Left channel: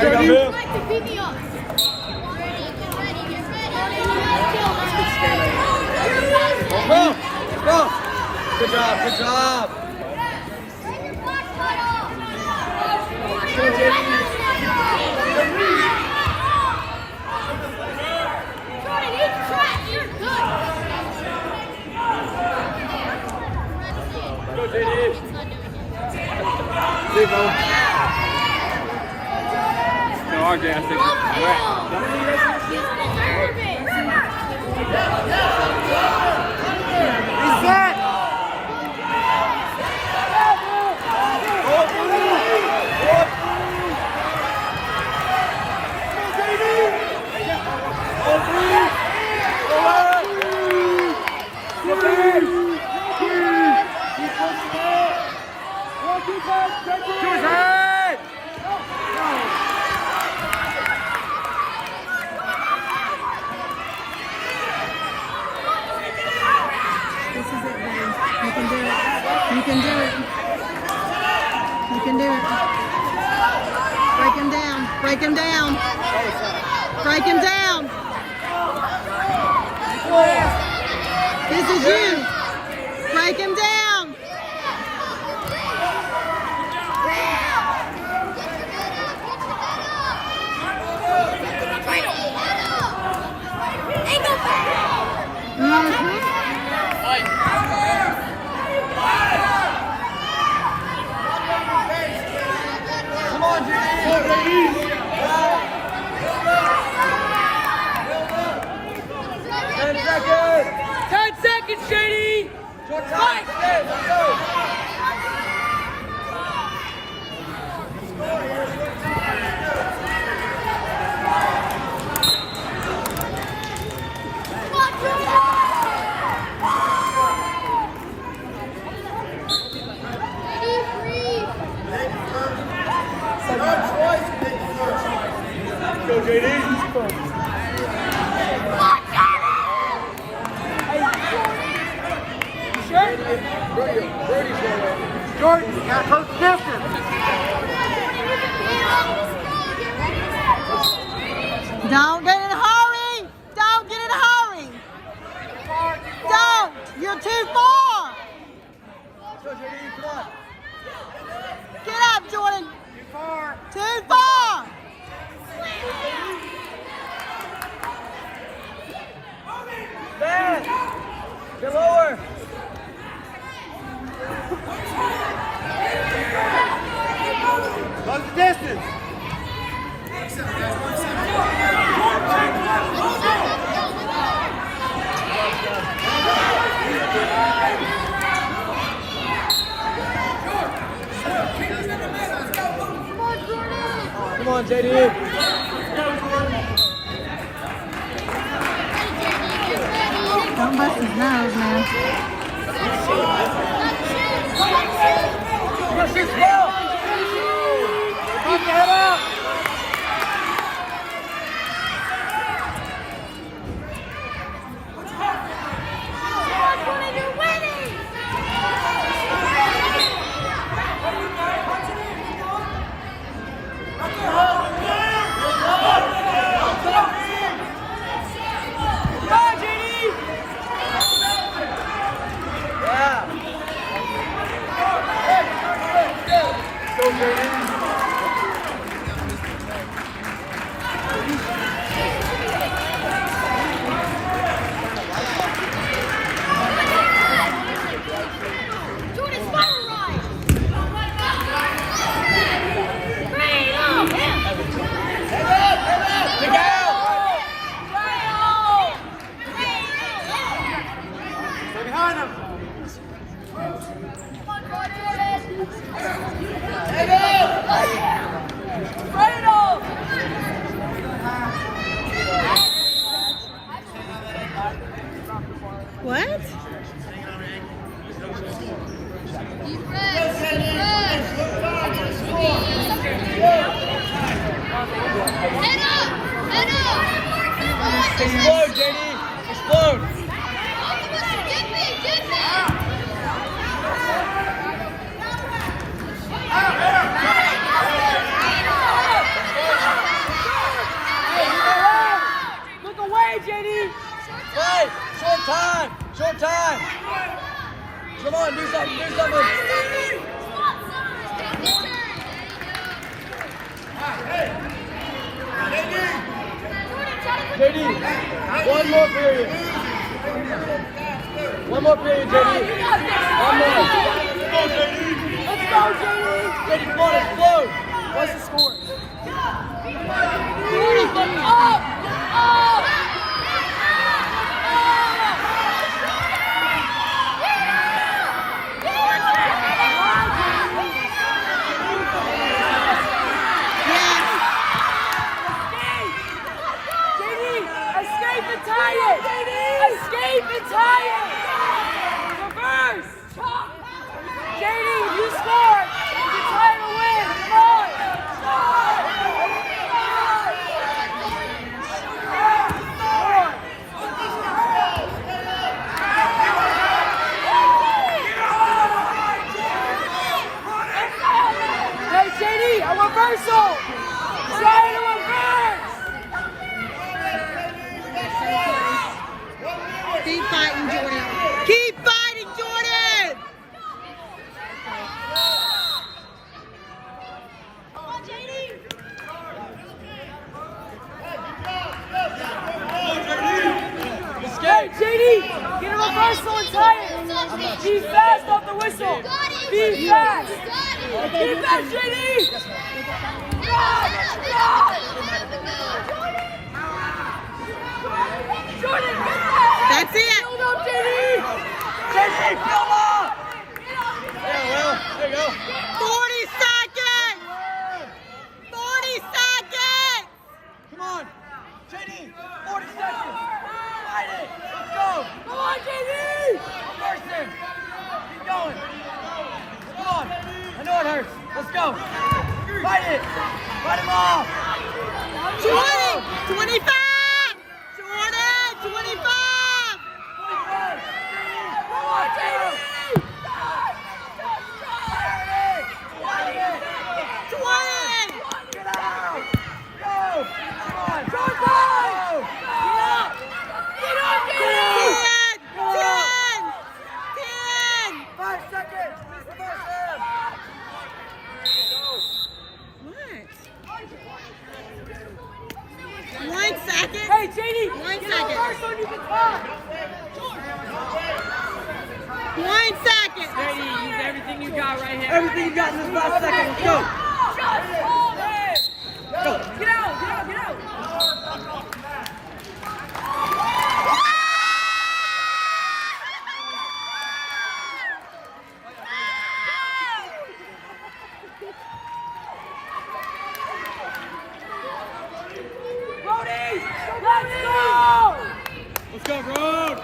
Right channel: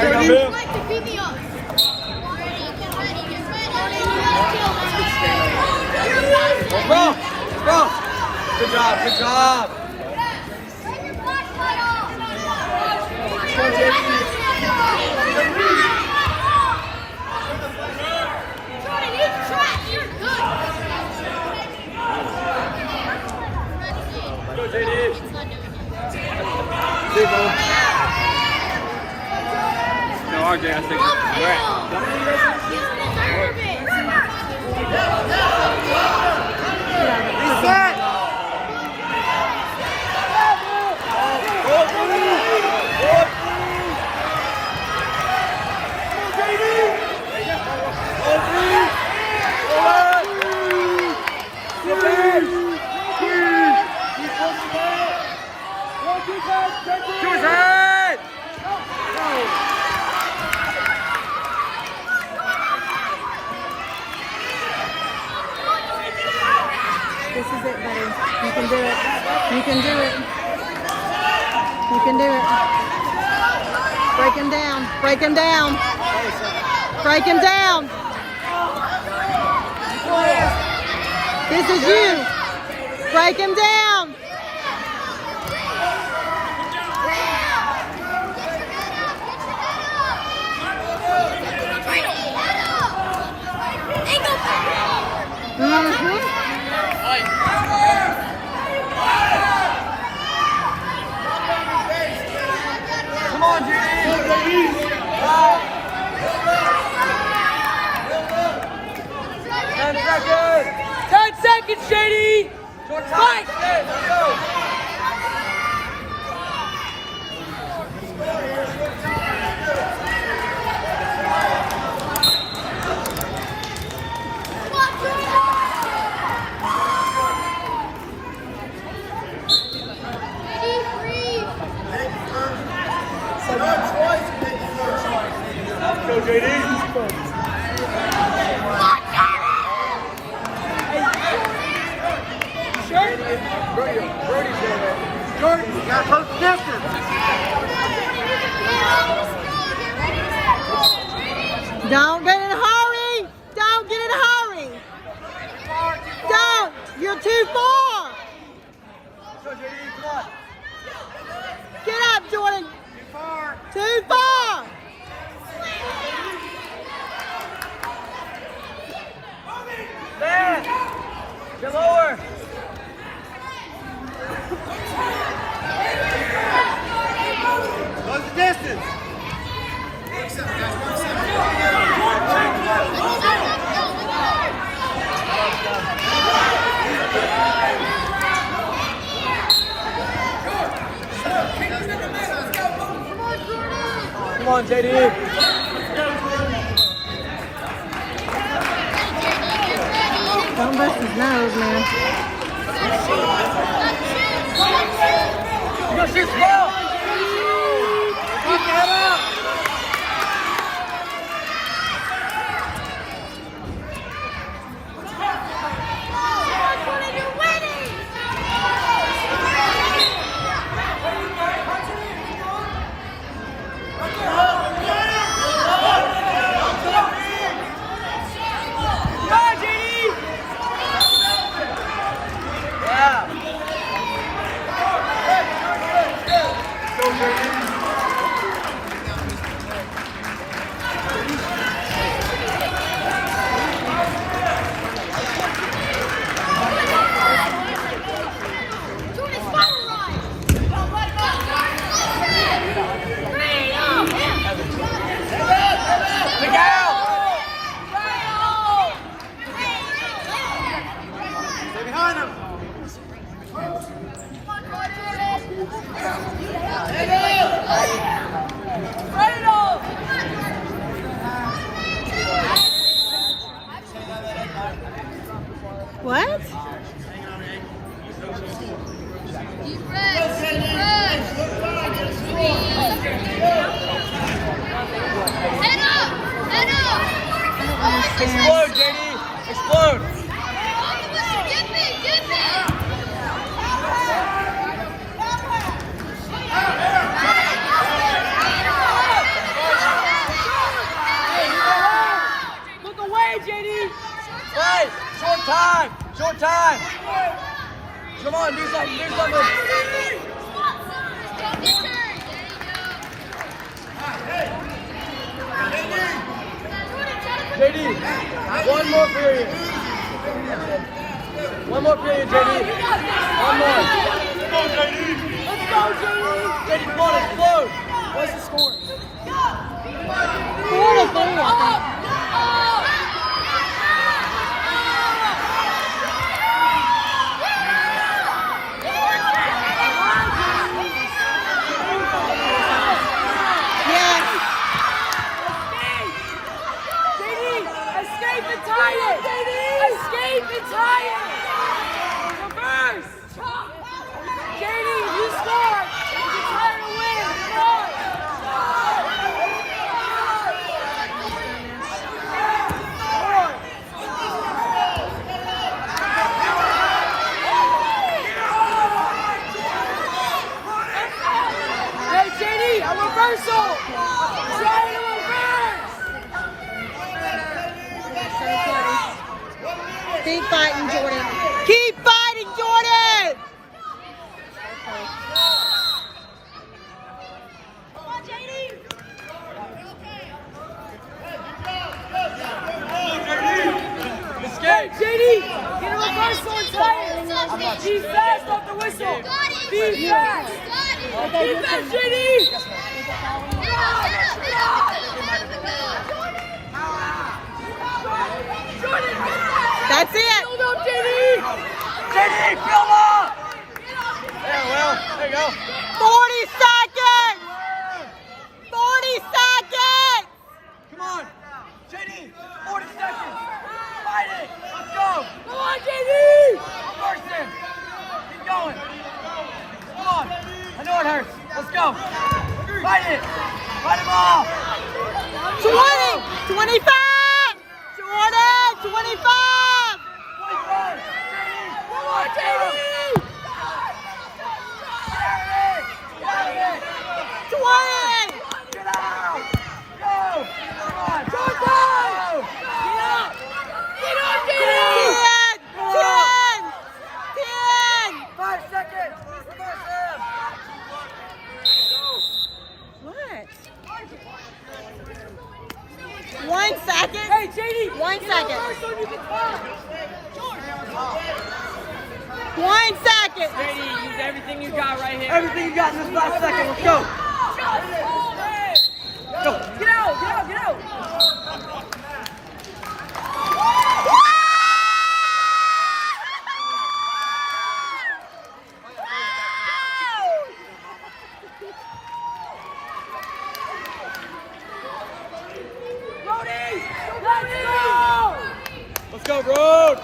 Good job, good job. This is it, buddy. You can do it. You can do it. You can do it. Break him down. Break him down. Break him down. This is you. Break him down. Mm-hmm. Shady! Fight! Jordan, you got close distance. Don't get in a hurry. Don't get in a hurry. Don't. You're too far. Get up, Jordan. Too far. What's the distance? Work center, guys, work center. Come on, JD. Don't bust his nose, man. What's the score? 4-3, I think. Escape and tie it! Escape and tie it! Reverse! JD, if you score, you can tie it to win. Hey, JD, a reversal! Try to reverse! Keep fighting, Jordan. Keep fighting, Jordan! Hey, JD, get a reversal and tie it. Be fast off the whistle. Be fast. Be fast, JD. That's it. Hold up, JD. 40 seconds. 40 seconds. Come on, JD. 40 seconds. Come on, JD. Keep going. Come on. You know it hurts. Let's go. Fight it. Fight it all. 20. 25. Jordan, 25. Come on, JD. 20. Jordan. Get on, JD. 10. 10. 5 seconds. What? 1 second. Hey, JD. 1 get second. a reversal, you can tie. 1 second. JD, use everything you got right here. Everything you got in this last second. Let's go. Go. Get out, get out, get out. Brody, let's go. Let's go, Road!